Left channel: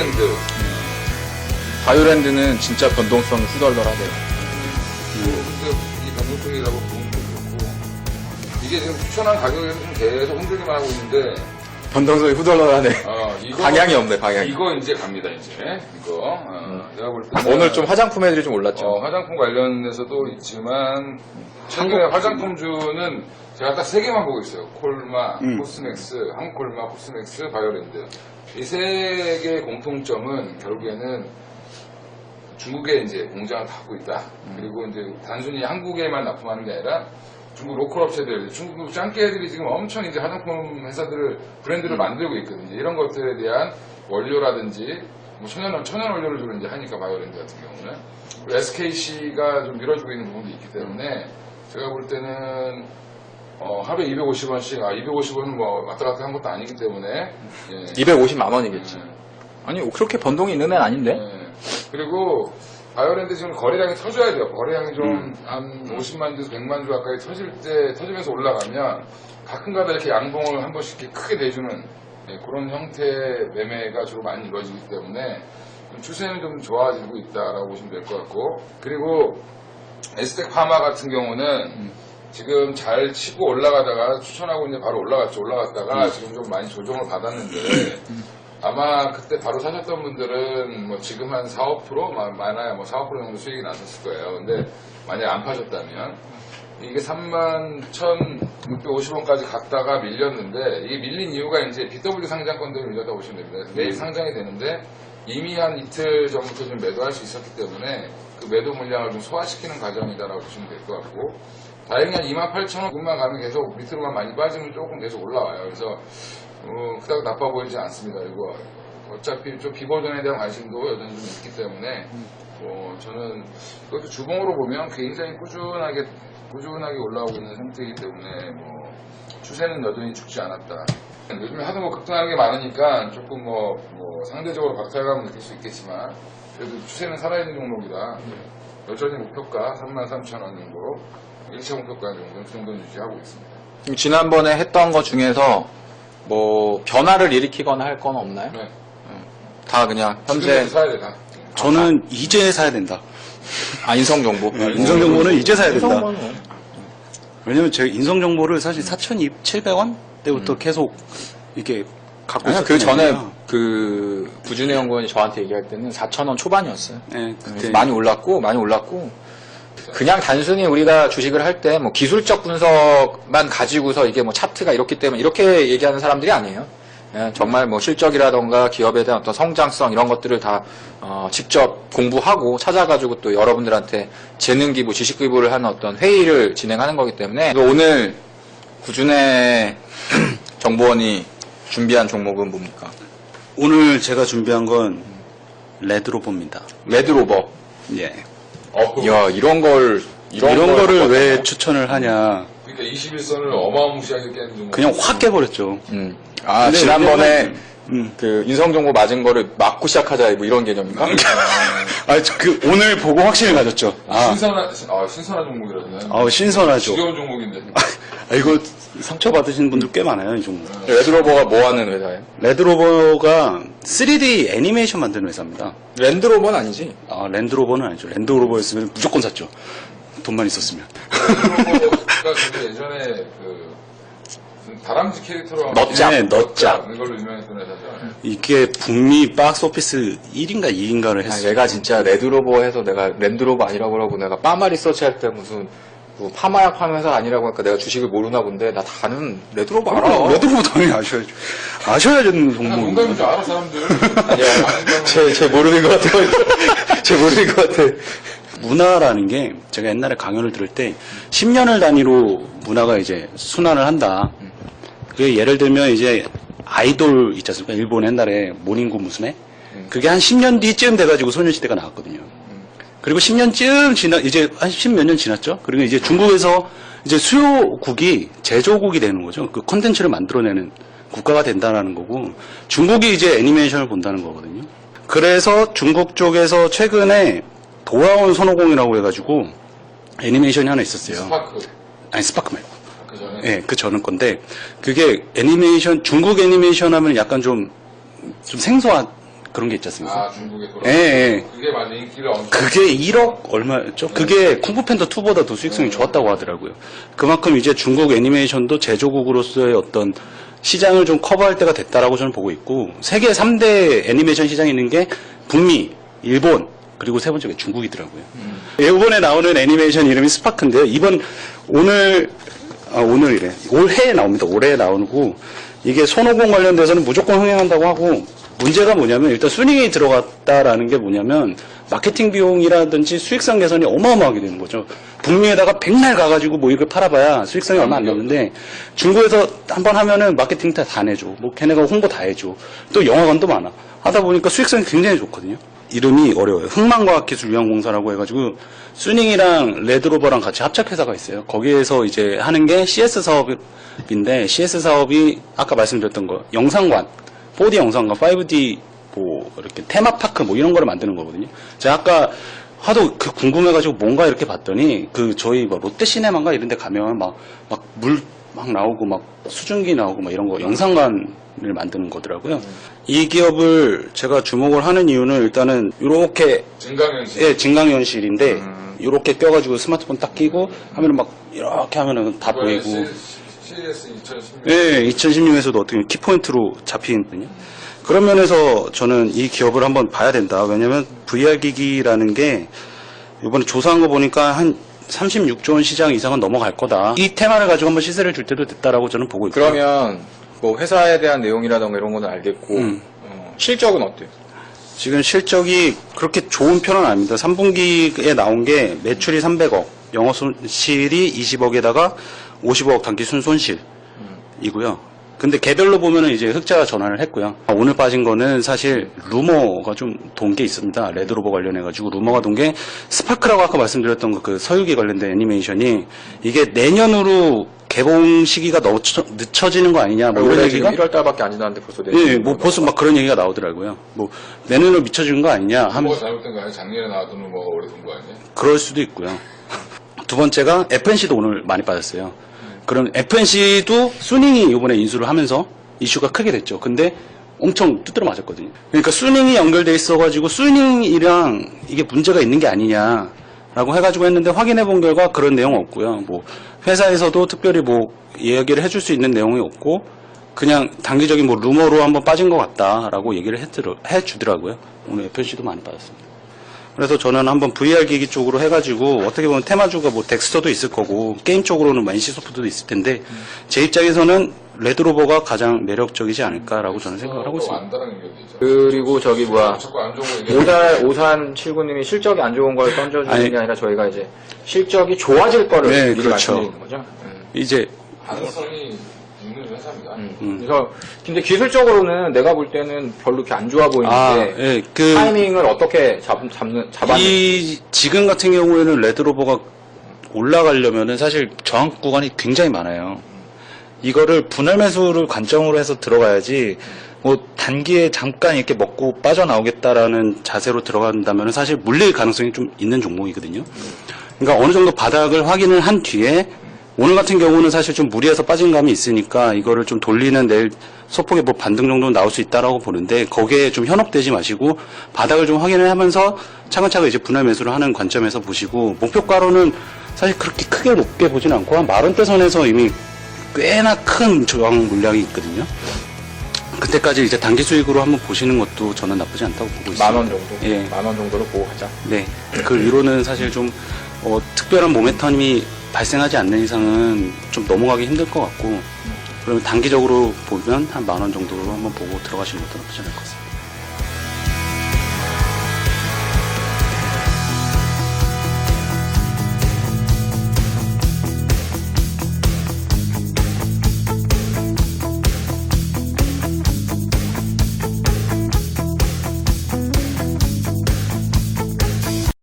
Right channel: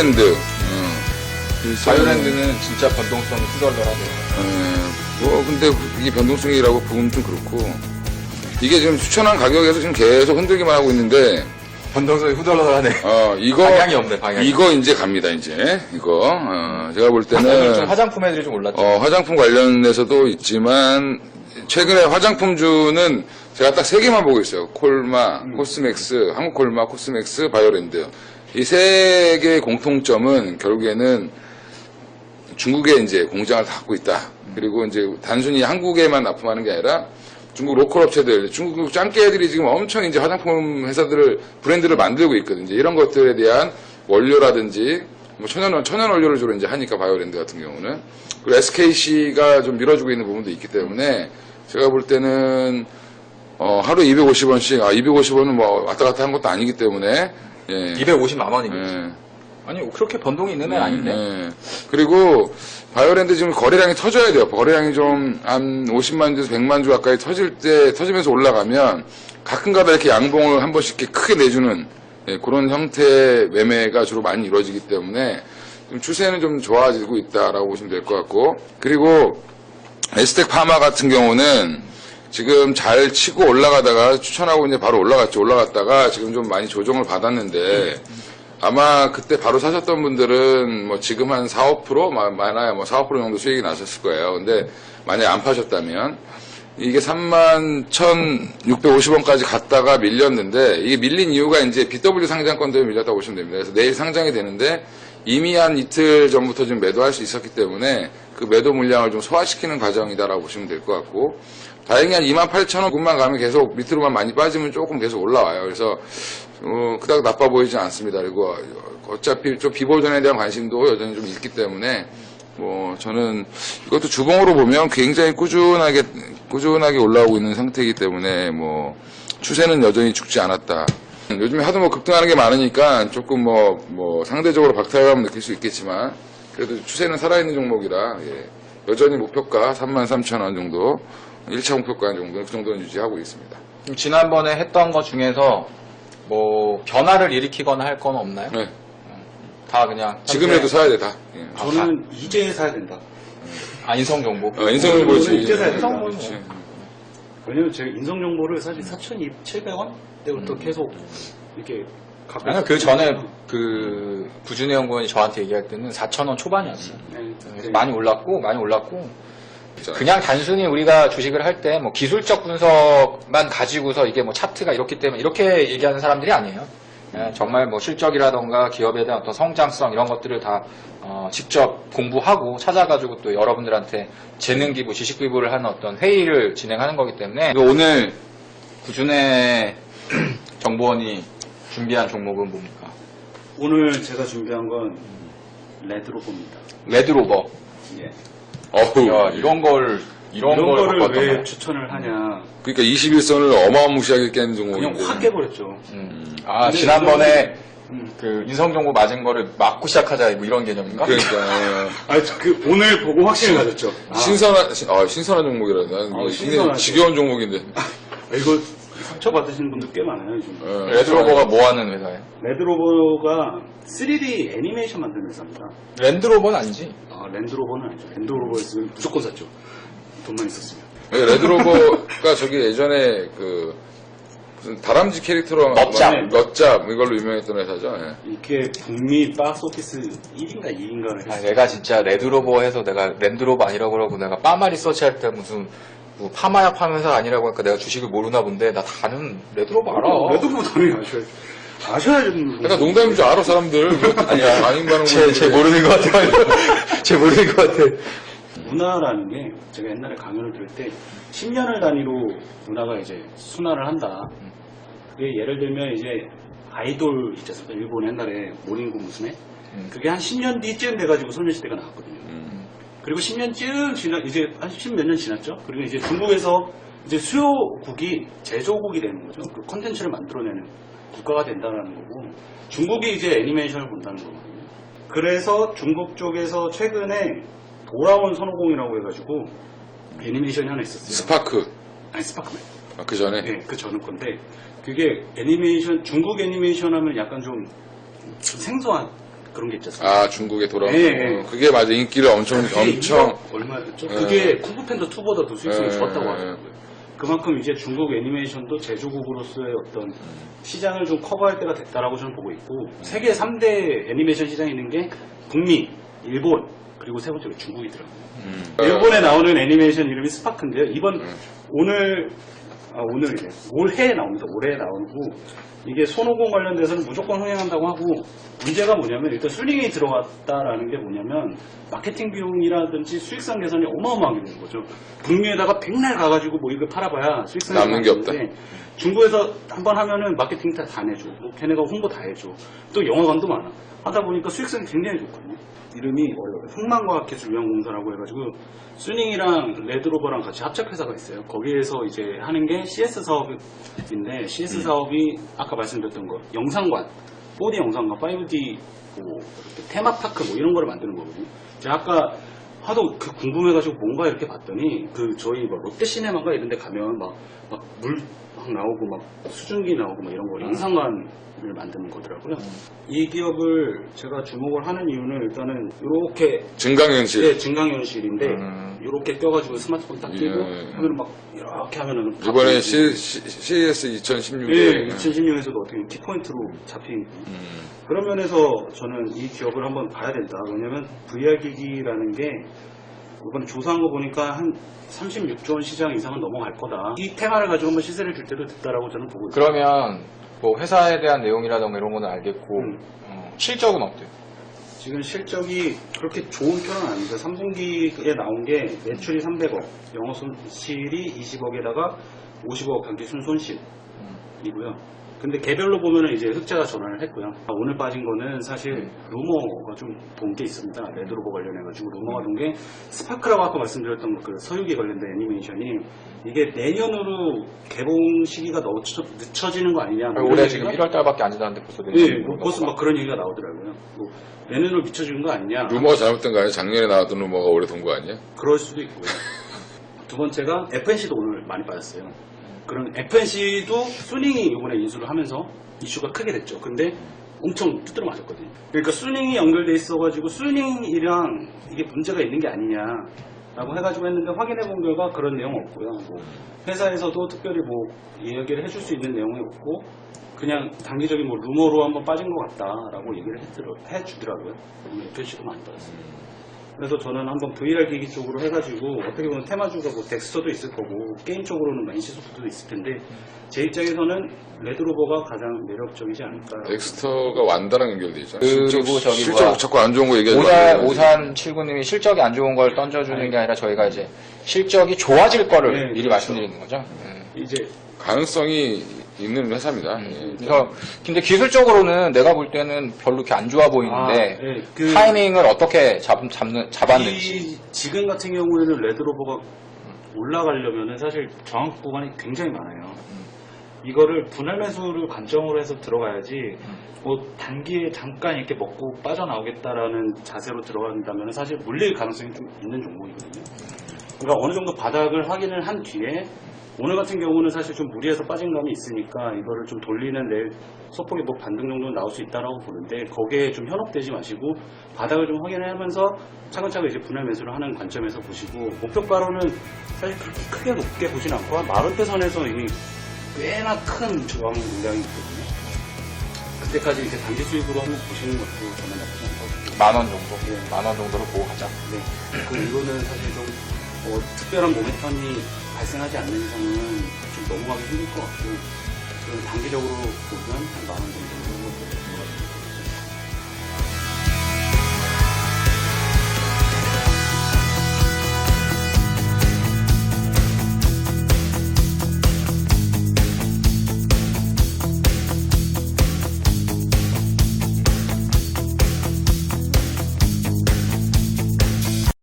바이오랜드. 바이오랜드는 진짜 변동성이 후덜덜하대요. 뭐 근데 이게 변동성이라고 보면 좀 그렇고 이게 지금 추천한 가격에서 지금 계속 흔들기만 하고 있는데 변동성이 후덜덜하네. 이거 방향이 없네, 방향이. 이거 이제 갑니다 이제 이거 제가 볼 때는 오늘 좀 화장품 애들이 좀 올랐죠. 화장품 관련해서도 있지만 최근에 화장품주는 제가 딱 세 개만 보고 있어요. 콜마, 코스맥스, 한국콜마, 코스맥스, 바이오랜드. 이 세 개의 공통점은 결국에는 중국에 이제 공장을 닫고 있다. 그리고 이제 단순히 한국에만 납품하는 게 아니라 중국 로컬 업체들, 중국 짱깨들이 지금 엄청 이제 화장품 회사들을, 브랜드를 만들고 있거든요. 이제 이런 것들에 대한 원료라든지, 뭐 천연 원료를 주로 이제 하니까 바이오랜드 같은 경우는. 그리고 SKC가 좀 밀어주고 있는 부분도 있기 때문에 제가 볼 때는, 하루에 250원씩, 250원은 뭐 왔다 갔다 한 것도 아니기 때문에, 예. 250만 원이겠지. 예. 아니, 그렇게 변동이 있는 애는 아닌데. 예. 그리고 바이오랜드 지금 거래량이 터져야 돼요. 거래량이 좀 한 50만 주에서 100만 주 가까이 터지면서 올라가면 가끔가다 이렇게 양봉을 한 번씩 이렇게 크게 내주는 그런 형태의 매매가 주로 많이 이루어지기 때문에 좀 추세는 좀 좋아지고 있다라고 보시면 될 것 같고, 그리고 에스텍 파마 같은 경우는 지금 잘 치고 올라가다가 추천하고 이제 바로 올라갔다가 지금 좀 많이 조정을 받았는데 아마 그때 바로 사셨던 분들은 뭐 지금 한 4, 5% 많아야 뭐 4, 5% 정도 수익이 나셨을 거예요. 근데 만약에 안 파셨다면 이게 31,650원까지 갔다가 밀렸는데 이게 밀린 이유가 이제 BW 상장권 때문에 밀렸다고 보시면 됩니다. 그래서 내일 상장이 되는데 이미 한 이틀 전부터 좀 매도할 수 있었기 때문에 그 매도 물량을 좀 소화시키는 과정이다라고 보시면 될 것 같고, 다행히 한 28,000원만 가면 계속 밑으로만 많이 빠지면 조금 계속 올라와요. 그래서 그닥 나빠 보이지 않습니다. 그리고 어차피 좀 비보전에 대한 관심도 여전히 좀 있기 때문에 뭐 저는 이것도 주봉으로 보면 굉장히 꾸준하게 올라오고 있는 상태이기 때문에 뭐 추세는 여전히 죽지 않았다. 요즘에 하도 뭐 급등하는 게 많으니까 조금 뭐 상대적으로 박탈감을 느낄 수 있겠지만 그래도 추세는 살아있는 종목이라 여전히 목표가 33,000원 정도, 1차 목표가 정도, 그 정도는 유지하고 있습니다. 지난번에 했던 것 중에서 뭐 변화를 일으키거나 할 건 없나요? 네. 다 그냥 지금에도 사야 돼, 다. 저는 이제 사야 된다. 인성정보. 인성정보는 이제 사야 된다. 인성정보는 왜냐면 제가 인성정보를 사실 4,700원 때부터 계속 이렇게 갖고 아니, 그 전에 있었거든요. 그 부준의 연구원이 저한테 얘기할 때는 4,000원 초반이었어요. 네, 그래서 그때 많이 올랐고 그냥 단순히 우리가 주식을 할 때 뭐 기술적 분석만 가지고서 이게 뭐 차트가 이렇기 때문에 이렇게 얘기하는 사람들이 아니에요. 정말 뭐 실적이라던가 기업에 대한 어떤 성장성 이런 것들을 다 직접 공부하고 찾아가지고 또 여러분들한테 재능 기부, 지식 기부를 하는 어떤 회의를 진행하는 거기 때문에 오늘 구준의 정보원이 준비한 종목은 뭡니까? 오늘 제가 준비한 건 레드로버입니다. 레드로버. 예. 야, 이런 거를 거를 왜 바꿨다고요? 추천을 하냐? 그러니까 21선을 어마무시하게 깨는 종목. 그냥 확 깨버렸죠. 근데 지난번에 그 인성정보 맞은 거를 막고 시작하자 뭐 이런 개념인가? 오늘 보고 확신을 가졌죠. 신선한 종목이라서. 신선하죠. 지겨운 종목인데. 이거 상처 받으시는 분들 꽤 많아요, 이 종목. 레드로버가 뭐 하는 회사예요? 레드로버가 3D 애니메이션 만드는 회사입니다. 랜드로버는 아니지? 랜드로버는 아니죠. 랜드로버였으면 무조건 샀죠. 돈만 있었으면. 레드로버가 저기 예전에 그 무슨 다람쥐 캐릭터로 넛잡. 네, 넛잡. 이걸로 유명했던 회사죠. 예. 이게 북미 박스 오피스 1인가 2인가를 했어요. 내가 진짜 레드로버 해서 내가 랜드로버 아니라고 그러고 내가 파마 리서치 할 때 무슨 뭐 파마 파는 회사가 아니라고 하니까 내가 주식을 모르나 본데 나 다른 레드로버 알아. 레드로버 당연히 아셔야죠. 아셔야 되는 그냥 종목. 농담인 줄 알아 사람들. 쟤 모르는 것 같아. 쟤 모르는 것 같아. 문화라는 게 제가 옛날에 강연을 들을 때 10년을 단위로 문화가 이제 순환을 한다. 그게 예를 들면 이제 아이돌 있지 않습니까? 일본 옛날에 모닝고 무스네? 그게 한 10년 뒤쯤 돼가지고 소녀시대가 나왔거든요. 그리고 10년쯤 이제 한 10몇 년 지났죠? 그리고 이제 중국에서 이제 수요국이 제조국이 되는 거죠. 그 콘텐츠를 만들어내는 국가가 된다는 거고, 중국이 이제 애니메이션을 본다는 거거든요. 그래서 중국 쪽에서 최근에 돌아온 손오공이라고 해가지고 애니메이션이 하나 있었어요. 스파크. 아니, 스파크 말고. 그 전에. 네, 그 전은 건데, 그게 애니메이션, 중국 애니메이션 하면 약간 좀 생소한 그런 게 있지 않습니까? 아, 중국에 돌아오고. 예. 그게 맞아. 인기를 엄청. 그게 엄청- 1억 얼마였죠? 그게 쿵푸팬더 2보다도 수익성이 예, 좋았다고 예. 하더라고요. 그만큼 이제 중국 애니메이션도 제조국으로서의 어떤 시장을 좀 커버할 때가 됐다라고 저는 보고 있고, 세계 3대 애니메이션 시장이 있는 게 북미, 일본, 그리고 세 번째가 중국이더라고요. 이번에 나오는 애니메이션 이름이 스파크인데요. 오늘이래. 올해에 나옵니다. 올해에 나오고, 이게 손오공 관련돼서는 무조건 흥행한다고 하고, 문제가 뭐냐면, 일단 순위에 들어갔다라는 게 뭐냐면, 마케팅 비용이라든지 수익성 개선이 어마어마하게 되는 거죠. 북미에다가 백날 가가지고 뭐 이걸 팔아봐야 수익성이 얼마 안 남는 게 되는데, 중국에서 한번 하면은 마케팅 다 내줘. 뭐 걔네가 홍보 다 해줘. 또 영화관도 많아. 하다 보니까 수익성이 굉장히 좋거든요. 이름이 어려워요. 흥망과학기술유한공사라고 해가지고 수닝이랑 레드로버랑 같이 합작회사가 있어요. 거기에서 이제 하는 게 CS 사업인데, CS 사업이 아까 말씀드렸던 거 영상관, 4D 영상관, 5D 뭐 이렇게 테마파크 뭐 이런 거를 만드는 거거든요. 제가 아까 하도 궁금해가지고 뭔가 이렇게 봤더니 저희 뭐 롯데시네마인가 이런 데 가면 막 물 막 나오고 막 수증기 나오고 막 이런 거 영상관을 만드는 거더라고요. 이 기업을 제가 주목을 하는 이유는 일단은 이렇게 증강현실. 예, 증강현실인데 이렇게 껴가지고 스마트폰 딱 끼고 하면은 막 이렇게 하면은 다 이번에 보이고. CES 2016. 네, 2016에서도 어떻게 보면 키포인트로 잡히거든요. 그런 면에서 저는 이 기업을 한번 봐야 된다. 왜냐면 VR 기기라는 게 이번에 조사한 거 보니까 한 36조 원 시장 이상은 넘어갈 거다. 이 테마를 가지고 한번 시세를 줄 때도 됐다라고 저는 보고 있고요. 그러면 뭐 회사에 대한 내용이라던가 이런 거는 알겠고 실적은 어때요? 지금 실적이 그렇게 좋은 편은 아닙니다. 3분기에 나온 게 매출이 300억, 영업 손실이 20억에다가 50억 단기 순손실이고요. 근데 개별로 보면은 이제 흑자가 전환을 했고요. 오늘 빠진 거는 사실 루머가 좀 돈 게 있습니다. 레드로버 관련해가지고 루머가 돈 게 스파크라고 아까 말씀드렸던 그 서유기 관련된 애니메이션이 이게 내년으로 개봉 시기가 너무 늦춰지는 거 아니냐. 뭐 이런 올해 얘기가 지금 1월 달밖에 안 지났는데 벌써 예, 뭐 벌써 막 그런 얘기가 나오더라고요. 뭐 내년으로 미쳐지는 거 아니냐. 루머가 잘못된 거 아니야? 작년에 나왔던 루머가 올해 돈 거 아니야? 그럴 수도 있고요. 두 번째가 FNC도 오늘 많이 빠졌어요. 그럼 FNC도 수닝이 이번에 인수를 하면서 이슈가 크게 됐죠. 근데 엄청 두드러 맞았거든요. 그러니까 수닝이 연결돼 있어가지고 수닝이랑 이게 문제가 있는 게 아니냐라고 해가지고 했는데 확인해 본 결과 그런 내용 없고요. 뭐 회사에서도 특별히 뭐 이야기를 해줄 수 있는 내용이 없고 그냥 단기적인 뭐 루머로 한번 빠진 것 같다라고 얘기를 해주더라고요. 오늘 FNC도 많이 빠졌습니다. 그래서 저는 한번 VR 기기 쪽으로 해가지고 어떻게 보면 테마주가 뭐 덱스터도 있을 거고 게임 쪽으로는 뭐 NC소프트도 있을 텐데 제 입장에서는 레드로버가 가장 매력적이지 않을까라고 저는 생각하고 엑스터가 있습니다. 완다랑 연결돼 있잖아. 그리고 저기 실적 뭐야. 자꾸 안 좋은 거 얘기하지 말고. 오산칠구님이 실적이 안 좋은 걸 던져주는 아니, 게 아니라 저희가 이제 실적이 좋아질 거를 네, 미리 그렇죠. 말씀드리는 거죠. 이제 가능성이 있는 회사입니다. 그래서 근데 기술적으로는 내가 볼 때는 별로 이렇게 안 좋아 보이는데 예, 타이밍을 어떻게 잡았는지. 이 지금 같은 경우에는 레드로버가 올라가려면은 사실 저항 구간이 굉장히 많아요. 이거를 분할 매수를 관점으로 해서 들어가야지 뭐 단기에 잠깐 이렇게 먹고 빠져나오겠다라는 자세로 들어간다면 사실 물릴 가능성이 좀 있는 종목이거든요. 그러니까 어느 정도 바닥을 확인을 한 뒤에 오늘 같은 경우는 사실 좀 무리해서 빠진 감이 있으니까 이거를 좀 돌리는 내일 소폭의 뭐 반등 정도는 나올 수 있다라고 보는데 거기에 좀 현혹되지 마시고 바닥을 좀 확인을 하면서 차근차근 이제 분할 매수를 하는 관점에서 보시고 목표가로는 사실 그렇게 크게 높게 보진 않고 한 40대 선에서 이미 꽤나 큰 저항 물량이 있거든요. 그때까지 이제 단기 수익으로 한번 보시는 것도 저는 나쁘지 않다고 보고 있습니다. 10,000원 정도? 예. 10,000원 정도로 보고 가자. 네. 그 위로는 사실 좀 특별한 모멘텀이 발생하지 않는 이상은 좀 넘어가기 힘들 것 같고 그러면 단기적으로 보면 한 10,000원 정도로 한번 보고 들어가시는 것도 나쁘지 않을 것 같습니다.